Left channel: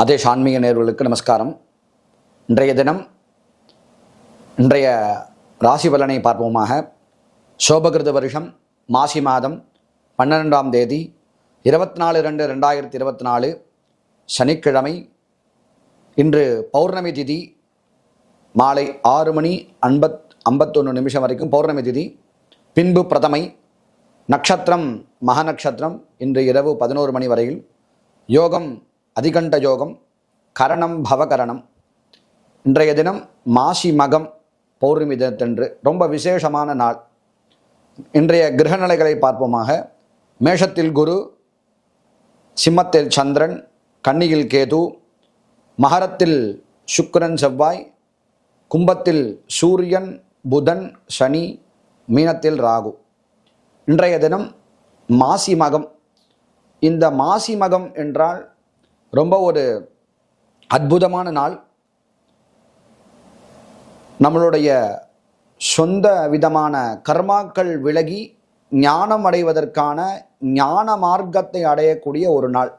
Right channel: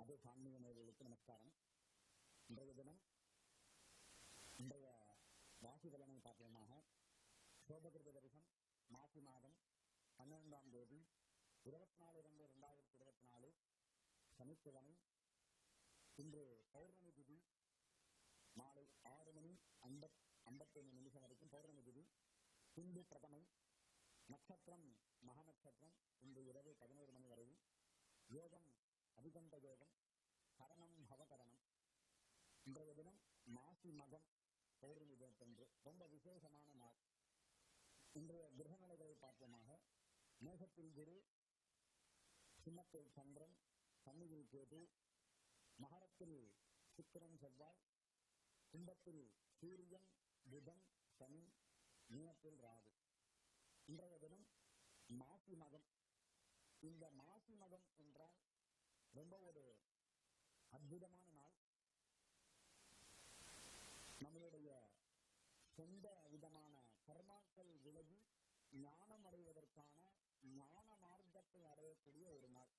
ஆதேஷ் ஆன்மீக நேர்களுக்கு நமஸ்காரம். இன்றைய தினம் இன்றைய ராசி பலனை பார்ப்போமாக. சோபகிருத வருஷம் மாசி மாதம் பன்னிரெண்டாம் தேதி இருபத்தி நாலு ரெண்டு ரெண்டாயிரத்தி இருபத்தி நாலு சனிக்கிழமை இன்று பௌர்ணமி திதி மாலை ஆறு மணி ஐம்பத் ஐம்பத்தொன்று நிமிஷம் வரைக்கும் பௌர்ணமி திதி. பின்பு பிரதமை நட்சத்திரம் மகநட்சத்திரம் இன்று இரவு பதினோரு மணி வரையில். யோகம் அதிகண்ட யோகம் கரணம் பவகரணம். இன்றைய தினம் மாசி மகம் பௌர்ணமி தினத்தன்று ரொம்ப விசேஷமான நாள். இன்றைய கிரகநிலைகளை பார்ப்போமாக. மேஷத்தில் குரு சிம்மத்தில் சந்திரன் கன்னியில் கேது மகரத்தில் சுக்கரன் செவ்வாய் கும்பத்தில் சூரியன் புதன் சனி மீனத்தில் ராகு. இன்றைய தினம் மாசி மகம். இந்த மாசி மகம் என்றால் ரொம்ப ஒரு அற்புதமான நாள். நம்மளுடைய சொந்த விதமான கர்மாக்கள் விலகி ஞானம் அடைவதற்கான ஞான மார்க்கத்தை அடையக்கூடிய ஒரு நாள்.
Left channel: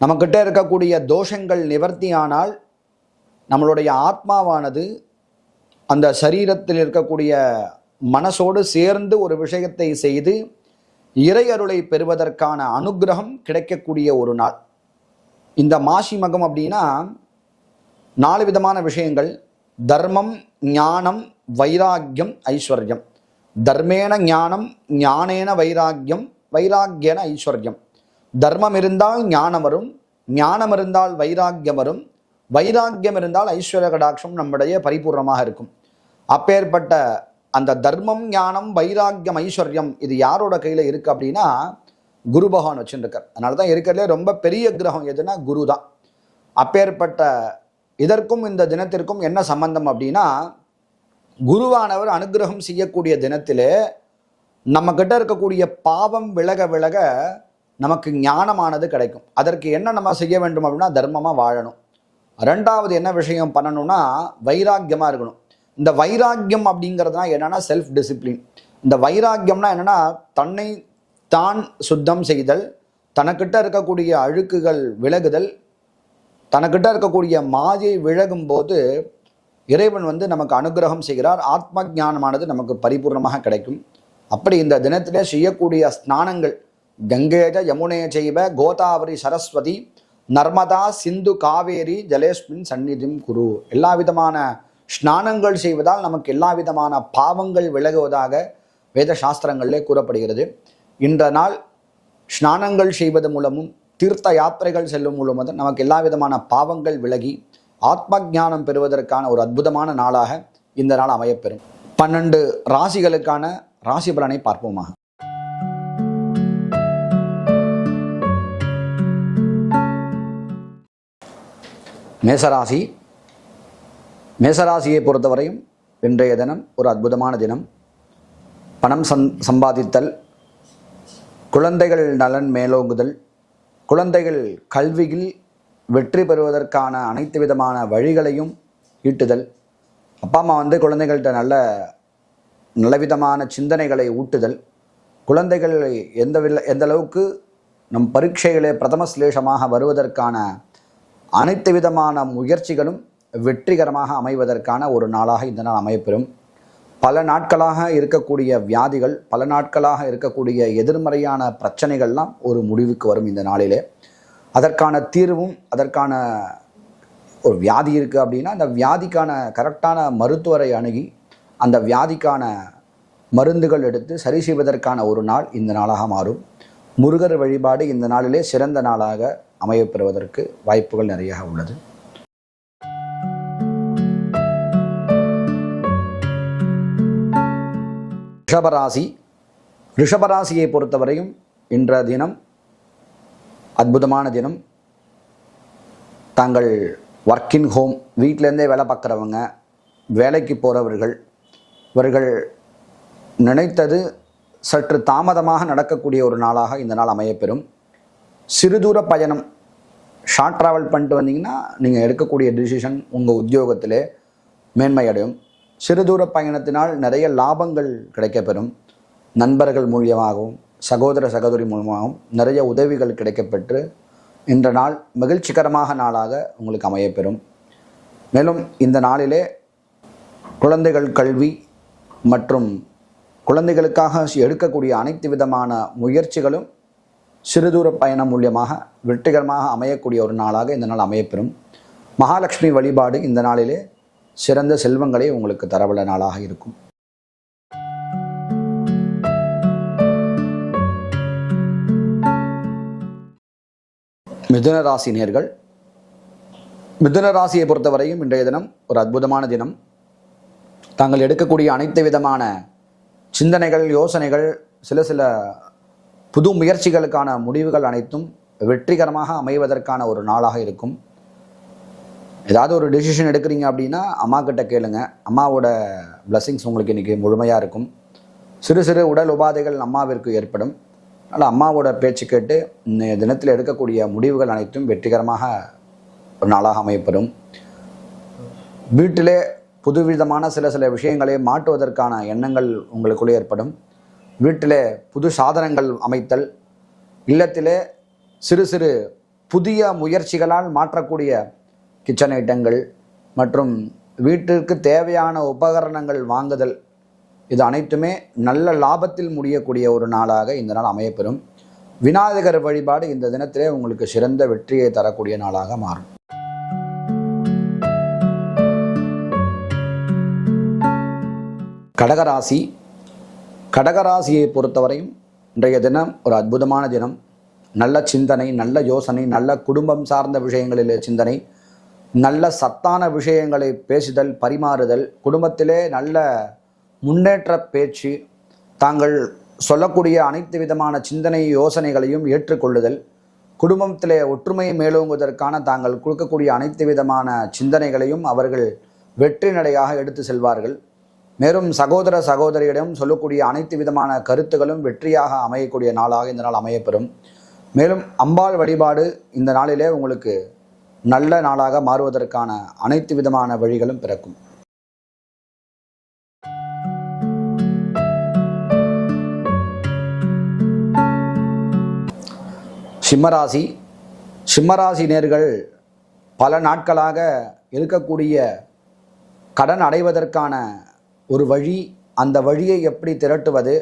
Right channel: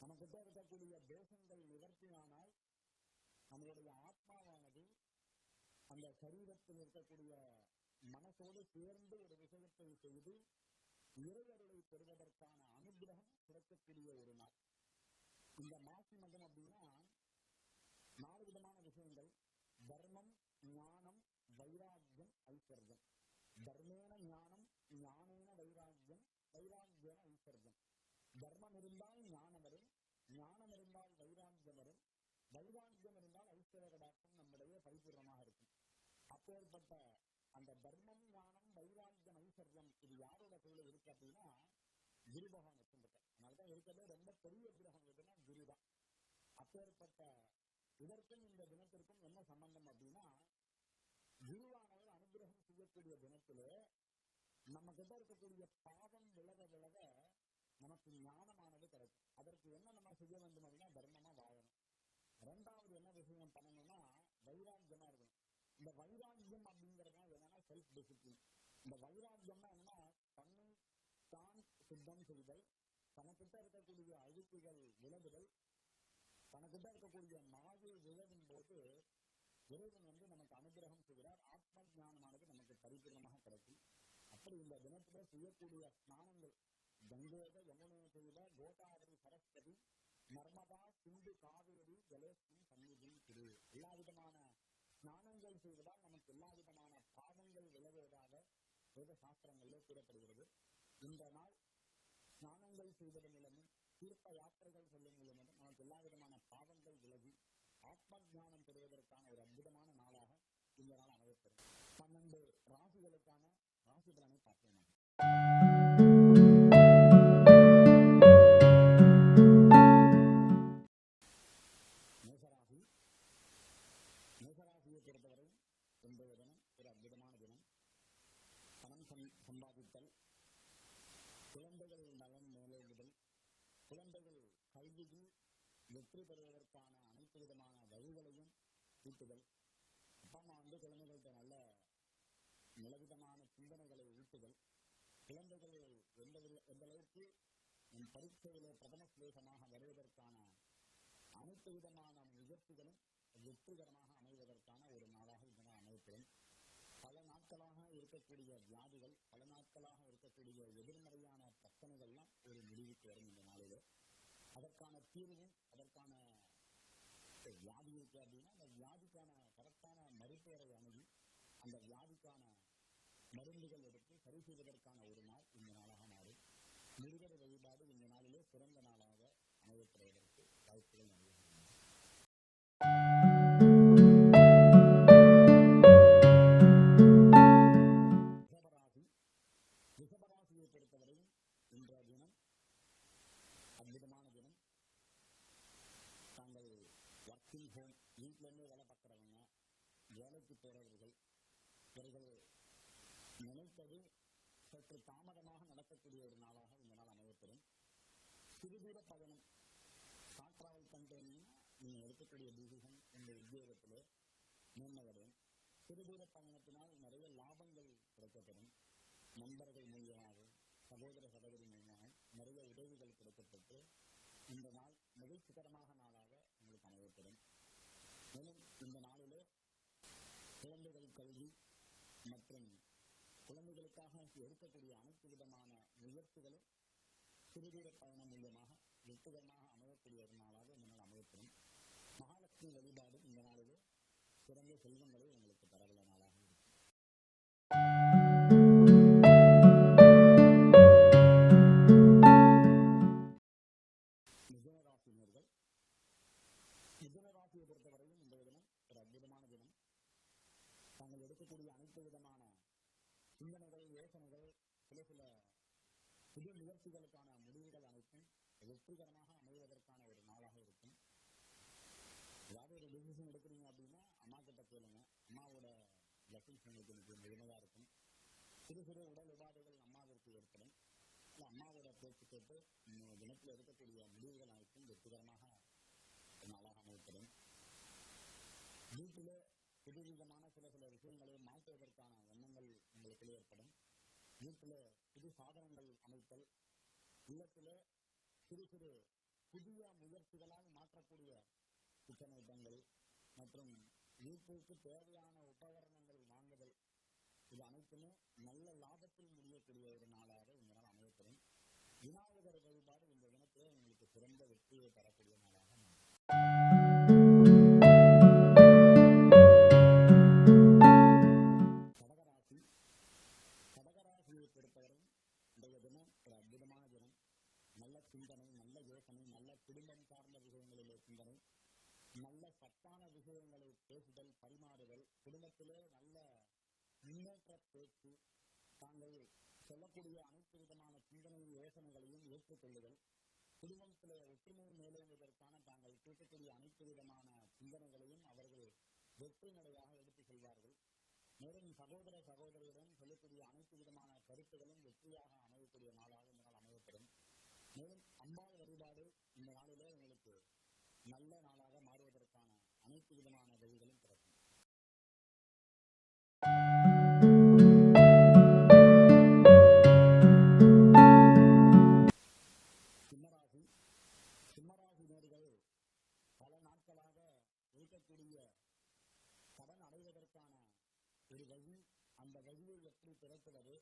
நம்மக்கிட்ட இருக்கக்கூடிய தோஷங்கள் நிவர்த்தியானால் நம்மளுடைய ஆத்மாவானது அந்த சரீரத்தில் இருக்கக்கூடிய மனசோடு சேர்ந்து ஒரு விஷயத்தை செய்து இறை அருளை பெறுவதற்கான அனுக்கிரகம் கிடைக்கக்கூடிய ஒரு நாள். இந்த மாசி மகம் அப்படின்னா நாலு விதமான விஷயங்கள். தர்மம் ஞானம் வைராக்கியம் ஐஸ்வர்யம். தர்மேன ஞானம் ஞானேன வைராக்கியம் வைராக்கியன ஐஸ்வர்யம். தர்மம் இருந்தால் ஞானம் வரும் ஞானம் இருந்தால் வைராக்கியம் வரும் வைராக்கியம் இருந்தால் ஐஸ்வர்ய கடாட்சம் நம்முடைய பரிபூர்ணமாக இருக்கும். அப்பேற்பட்ட அந்த தர்மம் ஞானம் வைராக்கியம் ஐஸ்வர்யம் இது யாரோட கையில் இருக்குது அப்படின்னா குரு பகவான் வச்சுருக்கார் அதனால தான் இருக்கிறதுலே ரொம்ப பெரிய கிரகம் எதுனா குரு தான் அப்பேற்பட்ட இதற்கும் இந்த தினத்திற்கும் என்ன சம்பந்தம் அப்படின்னா குருவானவர் அனுகிரகம் செய்யக்கூடிய தினத்திலே நம்மக்கிட்ட இருக்கக்கூடிய பாவம் விலக விலக நமக்கு ஞானமானது கிடைக்கும். அதற்கு என்ன நம்ம செய்ய வேண்டும் அப்படின்னா தர்மமாக வாழணும். ரெண்டாவது என்ன விஷயம் பண்ணணும்னா வைராக்கியமாக இருக்கணும். இந்த வைராக்கியம் அப்படிங்கிறதுனா என்னென்னா செல்ஃப் டிசிப்ளின் இந்த வைராக்கியம்னா என்னென்னா தன்னை தான் சுத்தம் செய்தல் தனக்கிட்ட இருக்கக்கூடிய அழுக்குகள் விலகுதல் தனக்கிட்ட இருக்கக்கூடிய மாயை விலகும் போது இறைவன் வந்து நமக்கு அனுகிரகம் செய்கிறார். ஆத்ம ஞானமானது நமக்கு பரிபூர்ணமாக கிடைக்கும். அப்படி இந்த தினத்திலே செய்யக்கூடிய ஸ்நானங்கள் கங்கேஜ யமுனே செய்வ கோதாவரி சரஸ்வதி நர்மதா சிந்து காவேரி ஜலேஸ்மின் சந்நிதிம் குரு. எல்லா விதமான ஸ்நானங்கள் செய்வதால் நமக்கு எல்லா விதமான பாவங்கள் விலகுவதாக வேத சாஸ்திரங்களிலே கூறப்படுகிறது. இன்ற நாள் ஸ்நானங்கள் செய்வது மூலமும் தீர்த்த யாத்திரைகள் செல்லும் மூலமும் நமக்கு எல்லா விதமான பாவங்கள் விலகி ஆத்ம ஞானம் பெறுவதற்கான ஒரு அற்புதமான நாளாக இந்த நாள் அமையப்பெறும். பன்னெண்டு ராசிகளுக்கான ராசி பலனை பார்ப்போமாக. மேசராசி. மேசராசியை பொறுத்தவரையும் இன்றைய தினம் ஒரு அற்புதமான தினம். பணம் சம் சம்பாதித்தல் குழந்தைகள் நலன் மேலோங்குதல் குழந்தைகள் கல்வியில் வெற்றி பெறுவதற்கான அனைத்து விதமான வழிகளையும் ஈட்டுதல். அப்பா அம்மா வந்து குழந்தைகள்கிட்ட நல்ல நல்லவிதமான சிந்தனைகளை ஊட்டுதல். குழந்தைகள் எந்த வில் எந்த அளவுக்கு நம் பரீட்சைகளே பிரதம சிலேஷமாக வருவதற்கான அனைத்து விதமான முயற்சிகளும் வெற்றிகரமாக அமைவதற்கான ஒரு நாளாக இந்த நாள் அமையப்பெறும். பல நாட்களாக இருக்கக்கூடிய வியாதிகள் பல நாட்களாக இருக்கக்கூடிய எதிர்மறையான பிரச்சனைகள்லாம் ஒரு முடிவுக்கு வரும் இந்த நாளிலே. அதற்கான தீர்வும் அதற்கான ஒரு வியாதி இருக்குது அப்படின்னா அந்த வியாதிக்கான கரெக்டான மருத்துவரை அணுகி அந்த வியாதிக்கான மருந்துகள் எடுத்து சரி செய்வதற்கான ஒரு நாள் இந்த நாளாக மாறும். முருகர் வழிபாடு இந்த நாளிலே சிறந்த நாளாக அமையப்பெறுவதற்கு வாய்ப்புகள் நிறைய உள்ளது. ரிஷபராசி ரிஷபராசியை பொறுத்தவரையும் இன்ற தினம் அற்புதமான தினம். தாங்கள் ஒர்க்கின் ஹோம் வீட்டிலேருந்தே வேலை பார்க்குறவங்க வேலைக்கு போகிறவர்கள் இவர்கள் நினைத்தது சற்று தாமதமாக நடக்கக்கூடிய ஒரு நாளாக இந்த நாள் அமையப்பெறும். சிறுதூர பயணம் ஷார்ட் ட்ராவல் பண்ணிட்டு வந்தீங்கன்னா நீங்கள் எடுக்கக்கூடிய டிசிஷன் உங்கள் உத்தியோகத்திலே மேன்மையடையும். சிறுதூர பயணத்தினால் நிறைய லாபங்கள் கிடைக்கப்பெறும். நண்பர்கள் மூலியமாகவும் சகோதர சகோதரி மூலமாகவும் நிறைய உதவிகள் கிடைக்கப்பெற்று இன்ற நாள் மகிழ்ச்சிகரமாக நாளாக உங்களுக்கு அமையப்பெறும். மேலும் இந்த நாளிலே குழந்தைகள் கல்வி மற்றும் குழந்தைகளுக்காக எடுக்கக்கூடிய அனைத்து விதமான முயற்சிகளும் சிறுதூர பயணம் மூலியமாக வெற்றிகரமாக அமையக்கூடிய ஒரு நாளாக இந்த நாள் அமையப்பெறும். மகாலட்சுமி வழிபாடு இந்த நாளிலே சிறந்த செல்வங்களை உங்களுக்கு தரவல்ல நாளாக இருக்கும். மிதுன ராசி நேர்கள் மிதுன ராசியை பொறுத்தவரையும் இன்றைய தினம் ஒரு அற்புதமான தினம். தாங்கள் எடுக்கக்கூடிய அனைத்து விதமான சிந்தனைகள் யோசனைகள் சில சில புது முயற்சிகளுக்கான முடிவுகள் அனைத்தும் வெற்றிகரமாக அமைவதற்கான ஒரு நாளாக இருக்கும். ஏதாவது ஒரு டெசிஷன் எடுக்கிறீங்க அப்படின்னா அம்மா கிட்ட கேளுங்க. அம்மாவோட பிளஸ்ஸிங்ஸ் உங்களுக்கு இன்றைக்கி முழுமையாக இருக்கும். சிறு சிறு உடல் உபாதைகள் அம்மாவிற்கு ஏற்படும். அதனால் அம்மாவோட பேச்சு கேட்டு இன்றைய தினத்தில் எடுக்கக்கூடிய முடிவுகள் அனைத்தும் வெற்றிகரமாக ஒரு நாளாக அமையப்படும் வீட்டிலே புதுவிதமான சில சில விஷயங்களை மாற்றுவதற்கான எண்ணங்கள் உங்களுக்குள்ளே ஏற்படும். வீட்டிலே புது சாதனங்கள் அமைத்தல் இல்லத்திலே சிறு சிறு புதிய முயற்சிகளால் மாற்றக்கூடிய கிச்சன் ஐட்டங்கள் மற்றும் வீட்டிற்கு தேவையான உபகரணங்கள் வாங்குதல். இது அனைத்துமே நல்ல லாபத்தில் முடியக்கூடிய ஒரு நாளாக இந்த நாள் அமையப்பெறும். விநாயகர் வழிபாடு இந்த தினத்திலே உங்களுக்கு சிறந்த வெற்றியை தரக்கூடிய நாளாக மாறும். கடகராசி. கடகராசியை பொறுத்தவரையும் இன்றைய தினம் ஒரு அற்புதமான தினம். நல்ல சிந்தனை நல்ல யோசனை நல்ல குடும்பம் சார்ந்த விஷயங்களிலே சிந்தனை நல்ல சத்தான விஷயங்களை பேசுதல் பரிமாறுதல் குடும்பத்திலே நல்ல முன்னேற்ற பேச்சு தாங்கள் சொல்லக்கூடிய அனைத்து விதமான சிந்தனை யோசனைகளையும் ஏற்றுக்கொள்ளுதல் குடும்பத்திலே ஒற்றுமையை மேலோங்குவதற்கான தாங்கள் கொடுக்கக்கூடிய அனைத்து விதமான சிந்தனைகளையும் அவர்கள் வெற்றி நடையாக எடுத்து செல்வார்கள். மேலும் சகோதர சகோதரியிடம் சொல்லக்கூடிய அனைத்து விதமான கருத்துகளும் வெற்றியாக அமையக்கூடிய நாளாக இந்த நாள் அமையப்பெறும். மேலும் அம்பாள் வழிபாடு இந்த நாளிலே உங்களுக்கு நல்ல நாளாக மாறுவதற்கான அனைத்து விதமான வழிகளும் பிறக்கும். சிம்மராசி. சிம்மராசி நேர்கள் பல நாட்களாக இருக்கக்கூடிய கடன் அடைவதற்கான ஒரு வழி அந்த வழியை எப்படி திரட்டுவது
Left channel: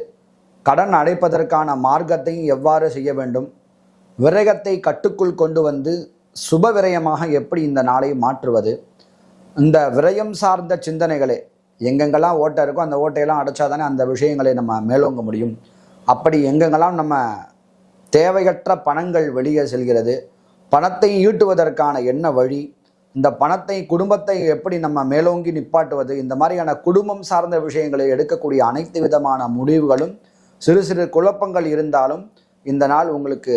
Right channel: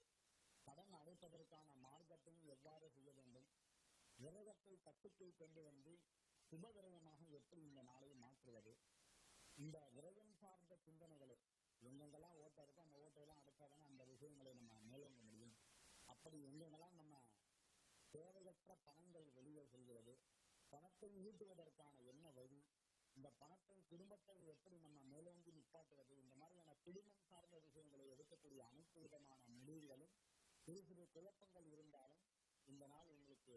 கடன் அடைப்பதற்கான மார்க்கத்தையும் எவ்வாறு செய்ய வேண்டும் விரயத்தை கட்டுக்குள் கொண்டு வந்து சுப விரயமாக எப்படி இந்த நாளை மாற்றுவது? இந்த விரயம் சார்ந்த சிந்தனைகளே எங்கெங்கெல்லாம் ஓட்டை இருக்கோ அந்த ஓட்டையெல்லாம் அடைச்சாதானே அந்த விஷயங்களை நம்ம மேலோங்க முடியும். அப்படி எங்கெங்கெல்லாம் நம்ம தேவையற்ற பணங்கள் வெளியே செல்கிறது பணத்தை ஈட்டுவதற்கான என்ன வழி இந்த பணத்தை குடும்பத்தை எப்படி நம்ம மேலோங்கி நிப்பாட்டுவது இந்த மாதிரியான குடும்பம் சார்ந்த விஷயங்களை எடுக்கக்கூடிய அனைத்து விதமான முடிவுகளும் சிறு சிறு குழப்பங்கள் இருந்தாலும் இந்த நாள் உங்களுக்கு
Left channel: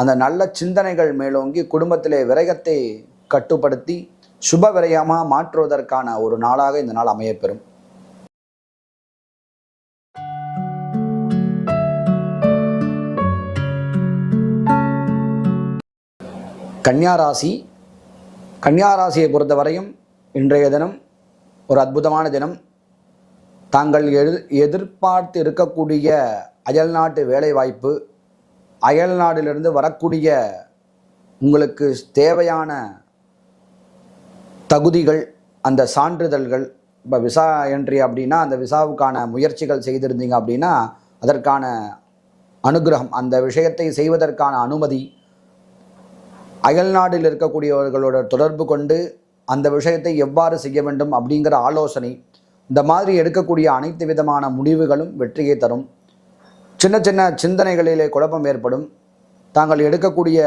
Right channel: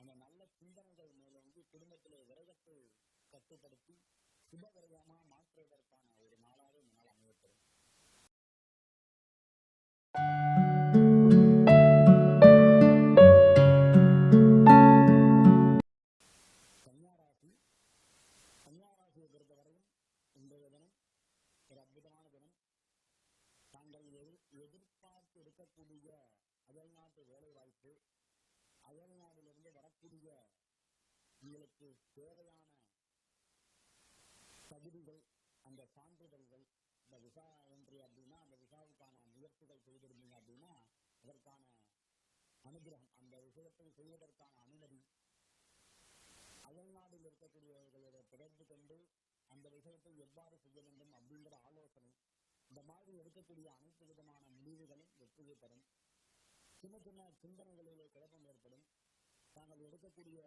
அந்த நல்ல சிந்தனைகள் மேலோங்கி குடும்பத்திலே விரயத்தை கட்டுப்படுத்தி சுப விரயமாக மாற்றுவதற்கான ஒரு நாளாக இந்த நாள் அமையப்பெறும். கன்னியாராசி கன்னியாராசியை பொறுத்தவரையும் இன்றைய தினம் ஒரு அற்புதமான தினம். தாங்கள் எதிர்பார்த்து இருக்கக்கூடிய அயல்நாட்டு வேலைவாய்ப்பு அயல் நாடிலிருந்து வரக்கூடிய உங்களுக்கு தேவையான தகுதிகள் அந்த சான்றிதழ்கள் இப்போ விசா என்ட்ரி அப்படின்னா அந்த விசாவுக்கான முயற்சிகள் செய்திருந்தீங்க அப்படின்னா அதற்கான அனுகிரகம் அந்த விஷயத்தை செய்வதற்கான அனுமதி அயல்நாட்டில் இருக்கக்கூடியவர்களோட தொடர்பு கொண்டு அந்த விஷயத்தை எவ்வாறு செய்ய வேண்டும் அப்படிங்கிற ஆலோசனை இந்த மாதிரி எடுக்கக்கூடிய அனைத்து விதமான முடிவுகளும் வெற்றியை தரும். சின்ன சின்ன சிந்தனைகளிலே குழப்பம் ஏற்படும். தாங்கள் எடுக்கக்கூடிய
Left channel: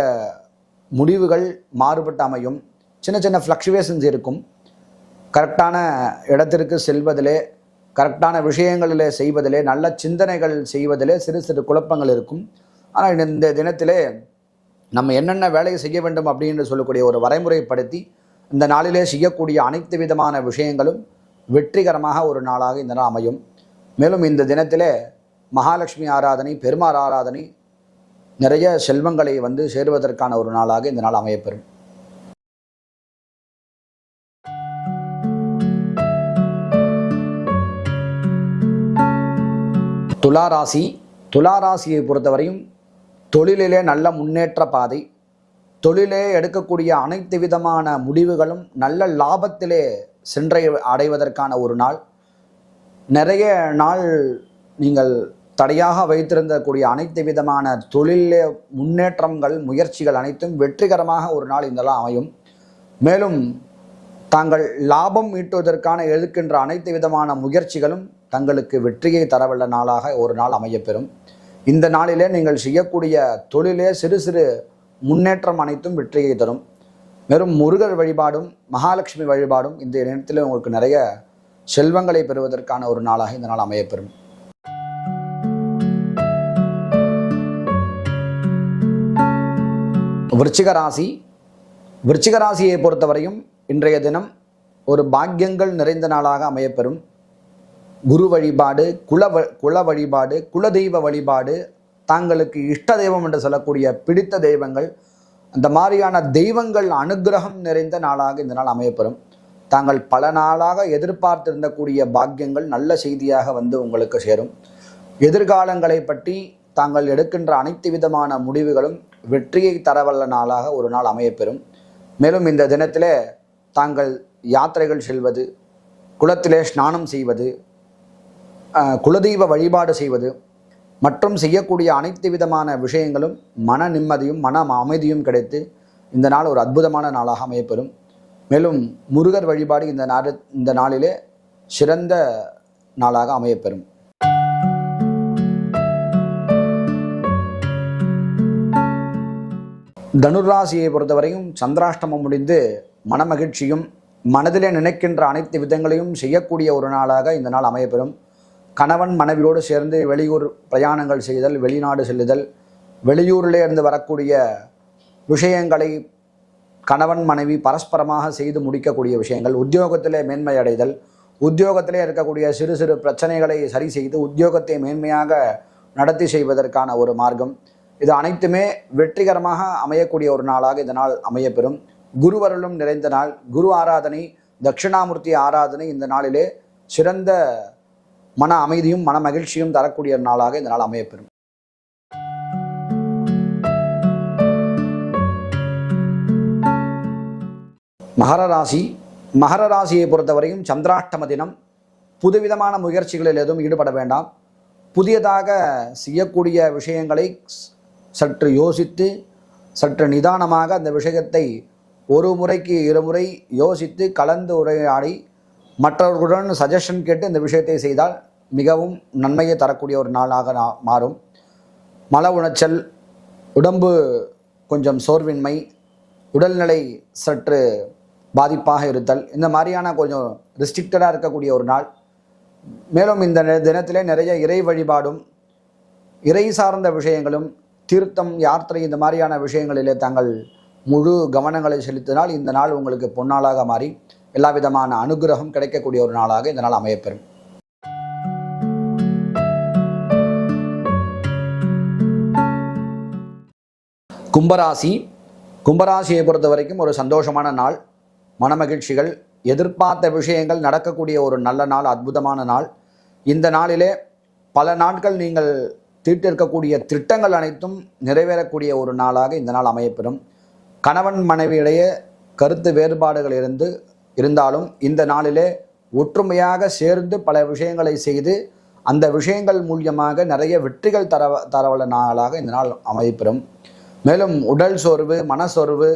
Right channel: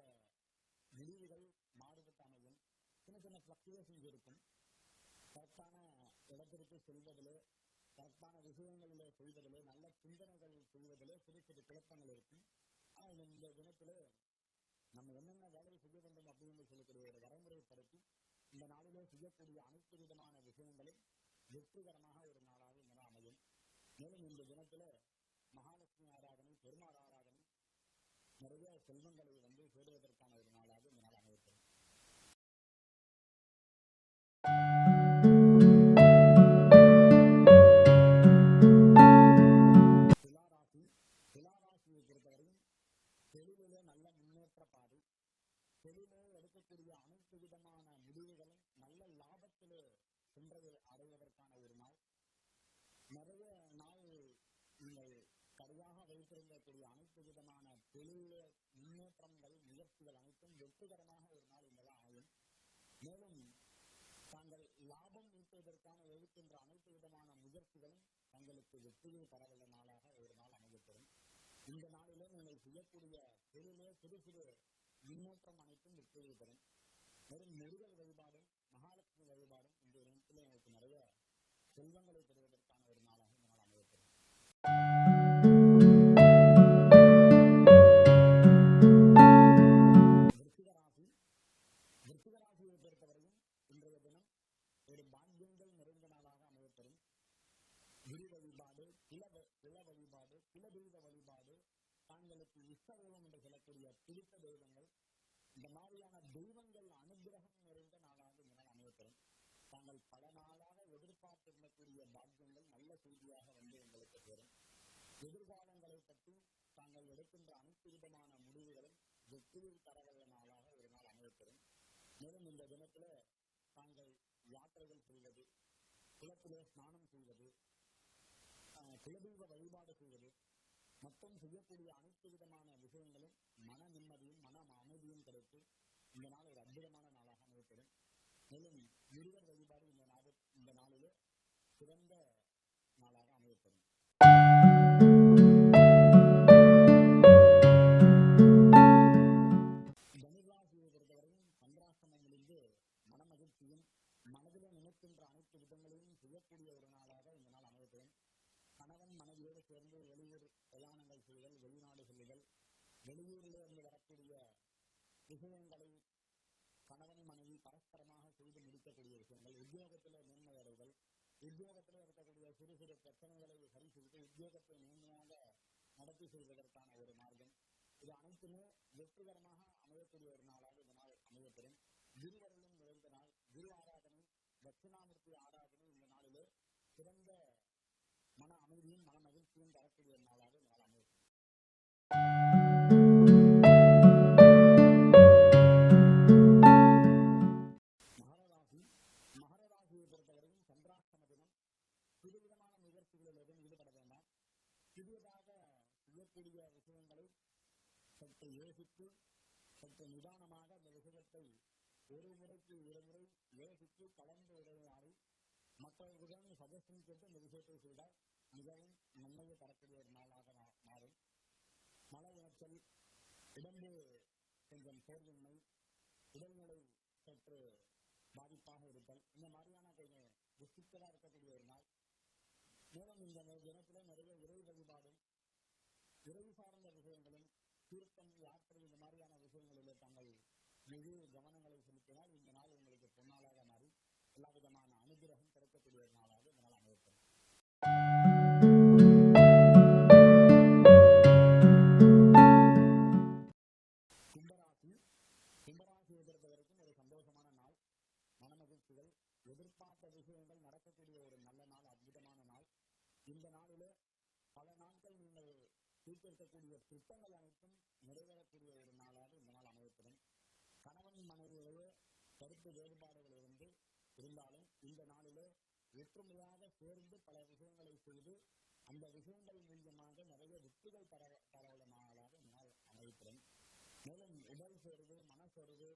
முடிவுகள் மாறுபட்டு அமையும். சின்ன சின்ன ஃப்ளக்சுவேஷன்ஸ் இருக்கும். கரெக்டான இடத்திற்கு செல்வதிலே கரெக்டான விஷயங்களிலே செய்வதிலே நல்ல சிந்தனைகள் செய்வதிலே சிறு சிறு குழப்பங்கள் இருக்கும். ஆனால் இந்த தினத்திலே நம்ம என்னென்ன வேலையை செய்ய வேண்டும் அப்படின்னு சொல்லக்கூடிய ஒரு வரைமுறைப்படுத்தி இந்த நாளிலே செய்யக்கூடிய அனைத்து விதமான விஷயங்களும் வெற்றிகரமாக ஒரு நாளாக இந்த நாள் அமையும். மேலும் இந்த தினத்திலே மகாலட்சுமி ஆராதனை பெருமாள் ஆராதனை நிறைய செல்வங்களை வந்து சேருவதற்கான ஒரு நாளாக இந்த நாள் அமையப்பெறும். துளாராசி துளாராசியை பொறுத்தவரையும் தொழிலிலே நல்ல முன்னேற்ற பாதை தொழிலே எடுக்கக்கூடிய அனைத்து விதமான முடிவுகளும் நல்ல லாபத்திலே சென்றை அடைவதற்கான ஒரு நாள். நிறைய நாள் நீங்கள் தடையாக வைத்திருந்தக்கூடிய அனைத்து விதமான தொழிலே முன்னேற்றங்கள் முயற்சிகள் அனைத்தும் வெற்றிகரமாக ஒரு நாள் இந்த நாள் அமையும். மேலும் தாங்கள் லாபம் ஈட்டுவதற்கான எழுக்கின்ற அனைத்து விதமான முயற்சிகளும் தங்களுக்கு வெற்றியை தரவல்ல நாளாக ஒரு நாள் அமையப்பெறும். இந்த நாளிலே நீங்கள் செய்யக்கூடிய தொழிலே சிறு சிறு முன்னேற்றம் அனைத்தும் வெற்றியை தரும். வெறும் முருகர் வழிபாடும் மகாலட்சுமி வழிபாடும் இந்த நேரத்தில் உங்களுக்கு நிறைய செல்வங்களை பெறுவதற்கான ஒரு நாளாக இந்த நாள் அமையப்பெறும். விருச்சிக ராசி. விருச்சிக ராசியை பொறுத்தவரையும் இன்றைய தினம் ஒரு பாக்கியங்கள் நிறைந்த நாளாக அமையப்பெறும். குரு வழிபாடு குல வ- குல வழிபாடு குலதெய்வ வழிபாடு தாங்களுக்கு இஷ்ட தெய்வம் என்று சொல்லக்கூடிய பிடித்த தெய்வங்கள் அந்த மாதிரியான தெய்வங்கள் அனுக்கிரகம் நிறைந்த நாளாக இந்த நாள் அமையப்பெறும். தாங்கள் பல நாளாக எதிர்பார்த்திருந்தக்கூடிய பாக்கியங்கள் நல்ல செய்தியாக வந்து உங்களுக்கு சேரும். எதிர்காலங்களை பற்றி தாங்கள் எடுக்கின்ற அனைத்து விதமான முடிவுகளும் வெற்றியை தரவல்ல நாளாக ஒரு நாள் அமையப்பெறும். மேலும் இந்த தினத்திலே தாங்கள் யாத்திரைகள் செல்வது குளத்திலே ஸ்நானம் செய்வது குலதெய்வ வழிபாடு செய்வது மற்றும் செய்யக்கூடிய அனைத்து விதமான விஷயங்களும் மன நிம்மதியும் மன அமைதியும் கிடைத்து இந்த நாள் ஒரு அற்புதமான நாளாக அமையப்பெறும். மேலும் முருகர் வழிபாடு இந்த நாடு இந்த நாளிலே சிறந்த நாளாக அமையப்பெறும். தனுராசியை பொறுத்தவரையும் சந்திராஷ்டமம் முடிந்து மனமகிழ்ச்சியும் மனதிலே நினைக்கின்ற அனைத்து விதங்களையும் செய்யக்கூடிய ஒரு நாளாக இந்த நாள் அமையப்பெறும். கணவன் மனைவியோடு சேர்ந்து வெளியூர் பிரயாணங்கள் செய்தல் வெளிநாடு செல்லுதல் வெளியூரிலே இருந்து வரக்கூடிய விஷயங்களை கணவன் மனைவி பரஸ்பரமாக செய்து முடிக்கக்கூடிய விஷயங்கள் உத்தியோகத்திலே மேன்மை அடைதல் உத்தியோகத்திலே இருக்கக்கூடிய சிறு சிறு பிரச்சனைகளை சரி செய்து உத்தியோகத்தை மேன்மையாக நடத்தி செய்வதற்கான ஒரு மார்க்கம். இது அனைத்துமே வெற்றிகரமாக அமையக்கூடிய ஒரு நாளாக இந்த நாள் அமையப்பெறும். குருவருளும் நிறைந்த நாள். குரு ஆராதனை தட்சிணாமூர்த்தி ஆராதனை இந்த நாளிலே சிறந்த மன அமைதியும் மன மகிழ்ச்சியும் தரக்கூடிய நாளாக இந்த நாள் அமையப்பெறும். மகர ராசி. மகர ராசியை பொறுத்தவரையும் சந்திராஷ்டம தினம் புதுவிதமான முயற்சிகளில் எதுவும் ஈடுபட வேண்டாம். புதியதாக செய்யக்கூடிய விஷயங்களை சற்று யோசித்து சற்று நிதானமாக அந்த விஷயத்தை ஒரு முறைக்கு இருமுறை யோசித்து கலந்து உரையாடி மற்றவர்களுடன் சஜஷன் கேட்டு இந்த விஷயத்தை செய்தால் மிகவும் நன்மையை தரக்கூடிய ஒரு நாளாக மாறும். மன உளைச்சல் உடம்பு கொஞ்சம் சோர்வின்மை உடல்நிலை சற்று பாதிப்பாக இருத்தல் இந்த மாதிரியான கொஞ்சம் ரிஸ்ட்ரிக்டடாக இருக்கக்கூடிய ஒரு நாள். மேலும் இந்த தினத்திலே நிறைய இறை வழிபாடும் இறை சார்ந்த விஷயங்களும் தீர்த்தம் யாத்திரை இந்த மாதிரியான விஷயங்களிலே தாங்கள் முழு கவனங்களை செலுத்தினால் இந்த நாள் உங்களுக்கு பொன்னாளாக மாறி எல்லா விதமான அனுகிரகம் கிடைக்கக்கூடிய ஒரு நாளாக இந்த நாள் அமையப்பெறும். கும்பராசி. கும்பராசியை பொறுத்த வரைக்கும் ஒரு சந்தோஷமான நாள். மனமகிழ்ச்சிகள் எதிர்பார்த்த விஷயங்கள் நடக்கக்கூடிய ஒரு நல்ல நாள் அற்புதமான நாள். இந்த நாளிலே பல நாட்கள் நீங்கள் தீட்டிருக்கக்கூடிய திட்டங்கள் அனைத்தும் நிறைவேறக்கூடிய ஒரு நாளாக இந்த நாள் அமையப்பெறும். கணவன் மனைவியிடையே கருத்து வேறுபாடுகள் இருந்து இருந்தாலும் இந்த நாளிலே ஒற்றுமையாக சேர்ந்து பல விஷயங்களை செய்து அந்த விஷயங்கள் மூலியமாக நிறைய வெற்றிகள் தர தரவல்ல நாளாக இந்த நாள் அமைப்பெறும் மேலும் உடல் சோர்வு மனசோர்வு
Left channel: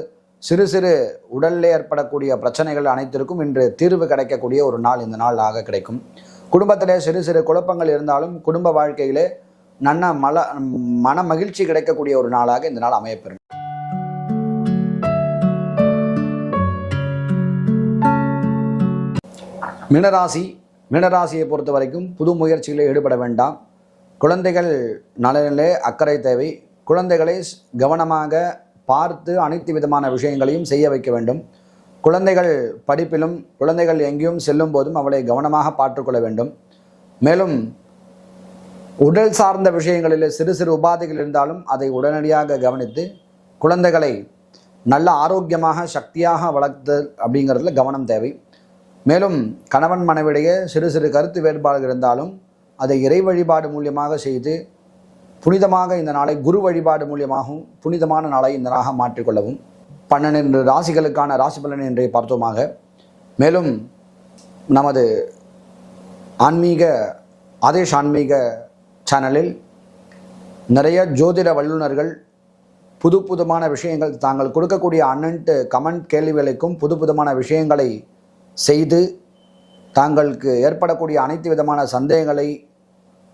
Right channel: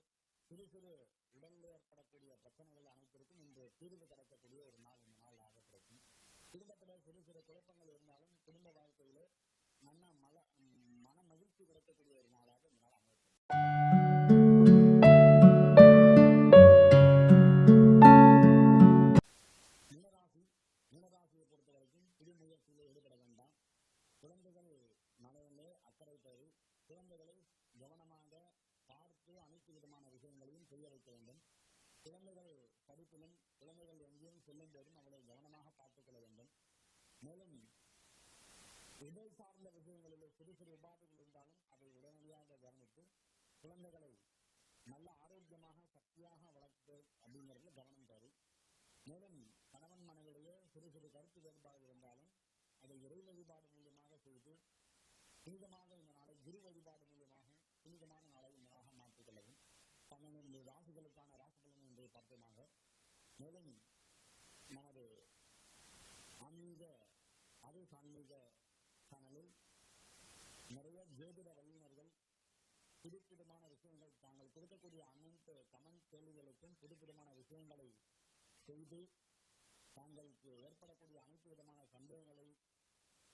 சிறு சிறு உடலில் ஏற்படக்கூடிய பிரச்சனைகள் அனைத்திற்கும் இன்று தீர்வு கிடைக்கக்கூடிய ஒரு நாள் இந்த நாளாக கிடைக்கும். குடும்பத்திலே சிறு சிறு குழப்பங்கள் இருந்தாலும் குடும்ப வாழ்க்கையிலே நன்ன மல மன மகிழ்ச்சி கிடைக்கக்கூடிய ஒரு நாளாக இந்த நாள் அமையப்பெறும். மினராசி மினராசியை பொறுத்த வரைக்கும் புது முயற்சிகளில் ஈடுபட வேண்டாம். குழந்தைகள் நலனிலே அக்கறை தேவை. குழந்தைகளை கவனமாக பார்த்து அனைத்து விதமான விஷயங்களையும் செய்ய வைக்க வேண்டும். குழந்தைகள் படிப்பிலும் குழந்தைகள் எங்கேயும் செல்லும் போதும் அவளை கவனமாக பார்த்துக்கொள்ள வேண்டும். மேலும் உடல் சார்ந்த விஷயங்களில் சிறு சிறு உபாதைகள் இருந்தாலும் அதை உடனடியாக கவனித்து குழந்தைகளை நல்ல ஆரோக்கியமாக சக்தியாக வளர்த்து அப்படிங்கிறதுல கவனம் தேவை. மேலும் கணவன் மனைவிடையே சிறு சிறு கருத்து வேறுபாடுகள் இருந்தாலும் அதை இறை வழிபாடு மூலியமாக செய்து புனிதமாக இந்த நாளை குரு வழிபாடு மூலியமாகவும் புனிதமான நாளை இந்த நாளாக மாற்றிக்கொள்ளவும். பன்னெண்டு ராசிகளுக்கான ராசி பலன் இன்றைய பார்த்தோமாக. மேலும் நமது ஆன்மீக ஆதேஷ் ஆன்மீக சேனலில் நிறைய ஜோதிட வல்லுநர்கள் புது புதுமான விஷயங்கள் தாங்கள் கொடுக்கக்கூடிய அன்னன்ட்டு கமெண்ட் கேள்விகளுக்கும் புது புதுமான விஷயங்களை செய்து தாங்களுக்கு ஏற்படக்கூடிய அனைத்து விதமான சந்தேகங்களை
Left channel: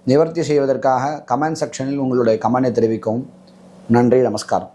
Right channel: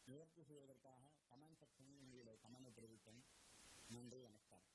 நிவர்த்தி செய்வதற்காக கமெண்ட் செக்ஷனில் உங்களுடைய கமெண்டை தெரிவிக்கவும். நன்றி நமஸ்காரம்.